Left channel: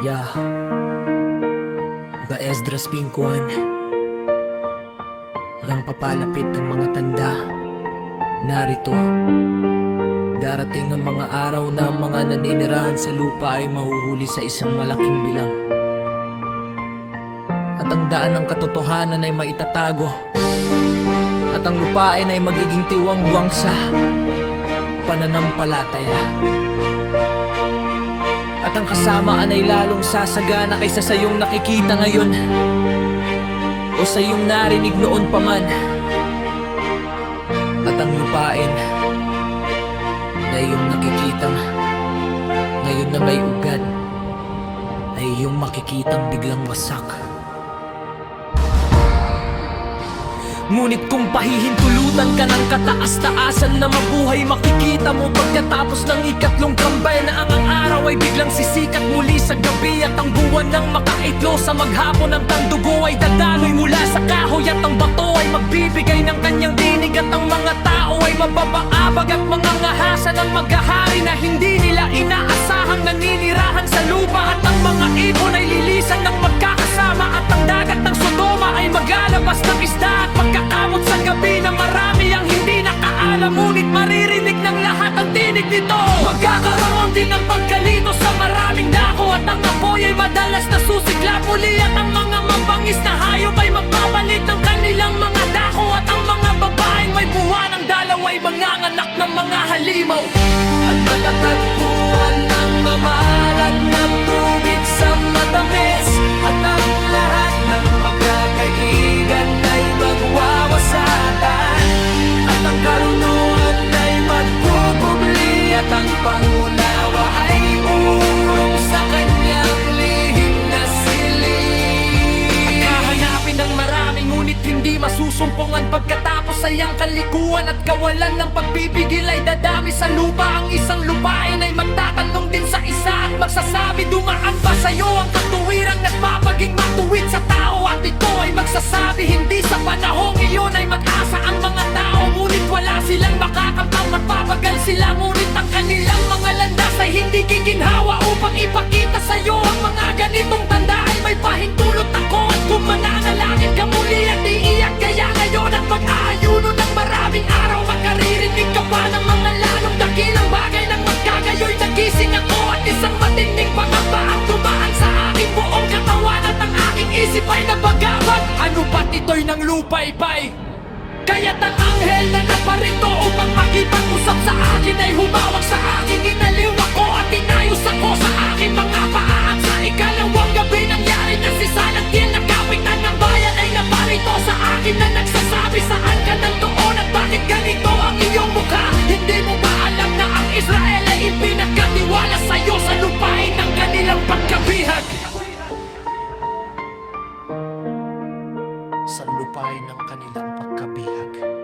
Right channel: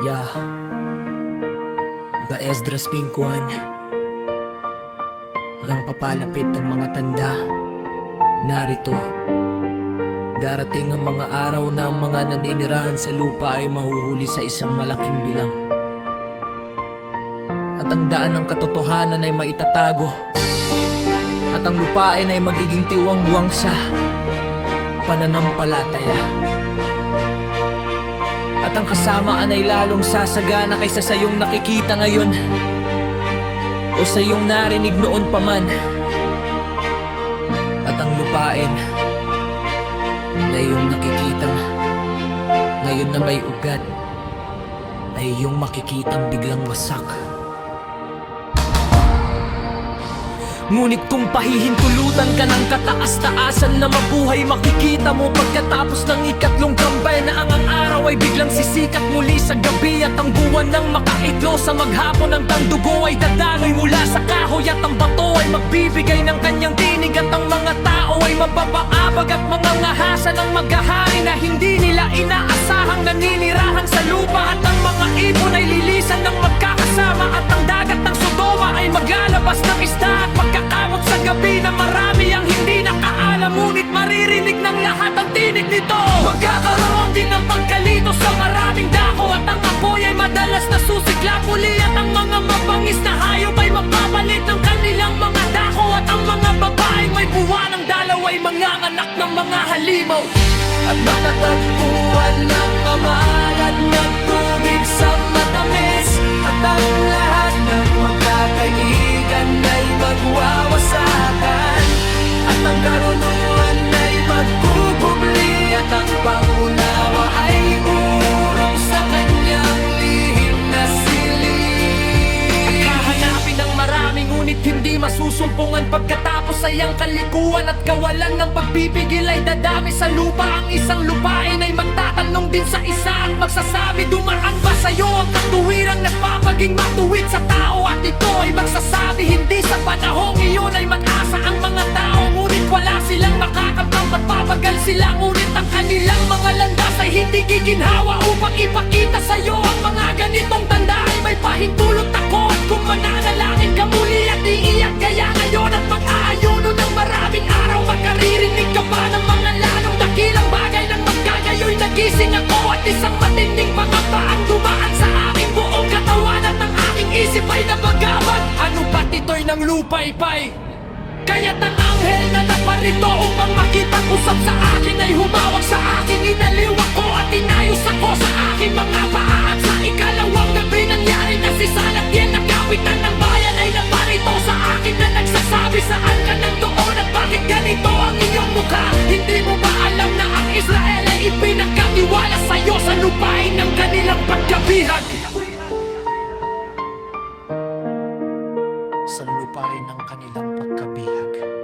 Yeah, ba Esdras Pinkuan. Walang papalapit ang mga tanda. Narito, darating ang mga araw na ang mga naninirahan sa lupa ay mahuhuli sa isang malaking bilang. At ang daan ng katotohanan ay maitatago. At ang lupain ay magiging tiwang-buwang sa pananampalataya. At ang kasamaan ay lalong sasagana kaysa sa iyong nakikita ngayon o sa iyong narinig noon pa man. At ang lupain na iyong nakikitang ngayon na may ugat ay iyong makikitang biglang wasak. Ngunit kung pahihintulutan ka ng kataas-taasan na mabuhay, makikita mo pagkatapos ng ikatlong kambay na ang araw ay biglang sisikat muli sa gabi. At ang buwan ng makaidlo sa maghapon, ang tandugo ay dadaloy mula sa kahoy. At ang bato ay magbibigay ng kanyang tinig. At ang mga tao ay mababaabag at mga ngahasa ng maghahari na hindi nila inaasahang naninirahan sa lupa. At ang mga ibon ay lilisan ng magkakasama. At ang dagat ng Sodoma ay maglalabas ng isda at magkakamot sa gabi na marami ang hindi nakaalam. Ngunit maririnig ng lahat ang tinig nito. Magkakaroon din ng pagkalito sa maraming dako. At ang apoy ay madalas na susiglap muli. At ang mga mabangis na hayop ay mapapalit ng kanilang mga dako. At ang mga babaeng may buwan ng dalaw ay manganganak ng mga halimaw. At matatagpuan ng mamahalad na tubig sa matamis. At ang lahat ng magkakaibigan ay magwawasakan. At ang karunungan ay magkukubli. At ang pangunawa ay urong sa kanyang lihim na silid. At hahanapin ng marami ngunit hindi masusumpungan. Pagkatapos ay ang kalikuan at kawalan ng pagpipigil ay dadami sa lupa. Ang isang lupain ay magtatanong din sa isa at magsasabi, dumaan ba sa'yo ang katuwirang nagpapaging matuwid sa tao? At ito ay magsasabi, hindi sa panahong iyon ay mag-asa ang mga tao. Ngunit wala silang makakamtam, magpapagal sila. Ngunit ang kanilang mga landas ay hindi giginhawa. Upang ipakita sa'yo ang mga ganitong tanda ay may pahintulot ako. At kung mananalangin ka muli at iiyak kaya ngayon at mag-aayuno ng maraming araw, makaririnig ka pa ng mga lalong dakilang bagay. Nang magkagayoy nagising ako at isang matinding pangamba ang dumaan sa aking buong katawan. At ang aking isip ay nabagabag, ano pat ito'y ng lupay-pay? Kaya't ang anghel na naparito upang makipag-usap sa akin ay humawak sa akin. Inaliw ako at inayos ako sa aking mga paa. At sa ikalawang gabi nangyari na si Salatiel na kapitan ng bayan ay naparito sa akin na nagsasabi, saan ka nandoon at bakit ganito ang iyong mukha? Hindi mo ba alam na ang Israel ay ipinagkatiwala sa'yo sa lupain ng kanilang pagkabihag? Sa lupain ng kanilang pagkabihag.